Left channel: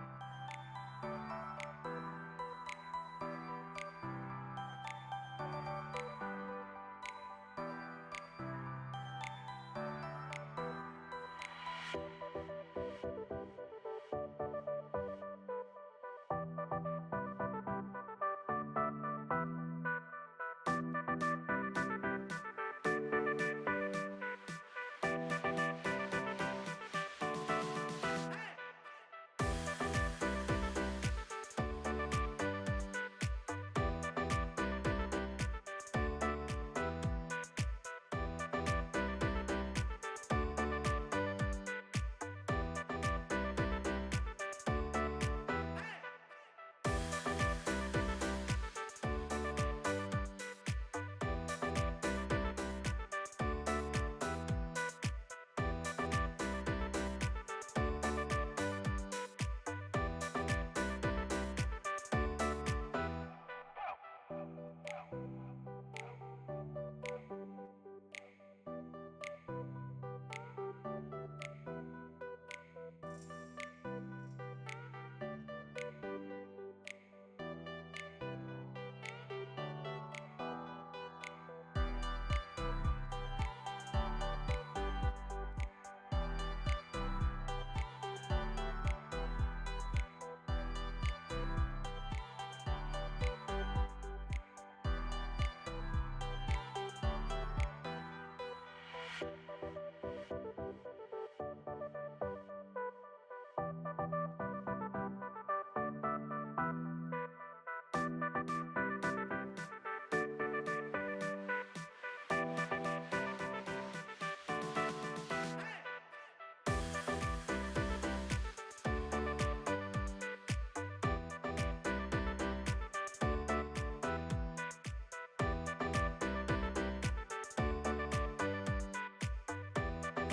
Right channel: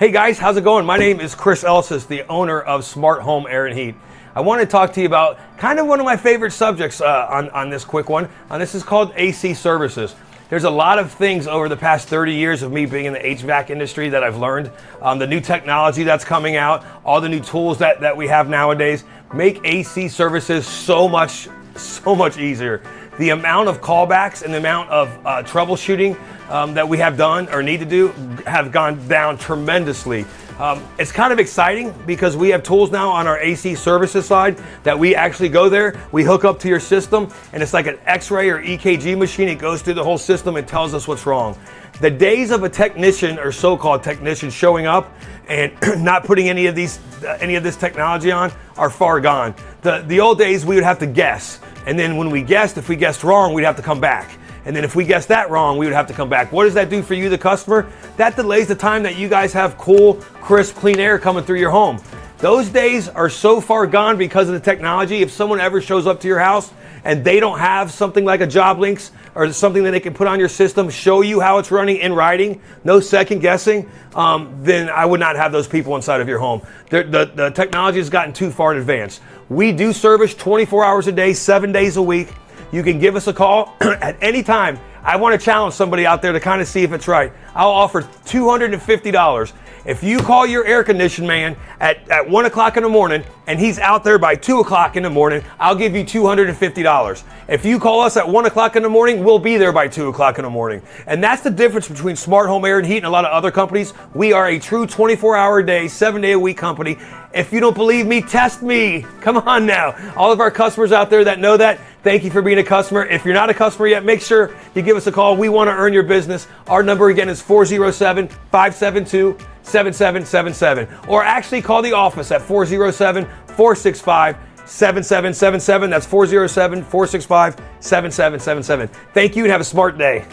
Hey guys, how's it going? My name is Chris Elsis, the owner of Smart Home Air and Heat. I want to talk to you about kind of one of my favorite subjects on this quick one. This is called AC services. There's a lot of things over the past 30 years of me being in the HVAC industry that I've learned. The new technology that's coming out, all the new tools that we have nowadays make AC services so much easier. The amount of callbacks and the amount of troubleshooting that we have done or need to do have gone down tremendously. It's kind of exciting because we have tools now on our AC services side that we actually go there, we hook up to your system, and it's like an X-ray or EKG machine. It goes through the whole system and tells us what's wrong. The days of a technician or so-called technician showing up and not putting any of this technology on are far gone. The old days we would have to guess, and then when we guessed, if we guessed wrong, we'd have to come back. And then if we guessed that wrong, we would have to come back. What does that do for you, the customer? That delays the time that you guys have cool, crisp, clean air coming through your home. Those days are so far gone because of the technology. If someone ever shows up to your house and they don't have something like a job links or something that they can put on your system, show you how it's running in writing, no second guessing, then I would not have those people inside of your home. The technology has gotten too far in advance. We do service 24 hours a day, 7 days a week. You can give us a call at any time. I want to challenge somebody out there to kind of see if it's right. I'll offer $250. If you call your air conditioning man at 1 o'clock in the morning and he's out there by 2 o'clock in the morning, I'll give you $250. If you call us at 1 o'clock in the morning, we'll be there by 2 o'clock in the morning. And that's the difference between Smart Home Air and Heat and a lot of other companies. We are a true 24-hour a day, 7-day-a-week company. If you don't believe me, test me. Come on now. All of our customers out there that know that, thank you for being a customer. If you're not a customer yet, make sure you give us a call. We want to earn your business. Our number again is 407-572-7777. Or actually call the office at 407-465-7777. That's 407-465-7777. Thank you and have a smart day.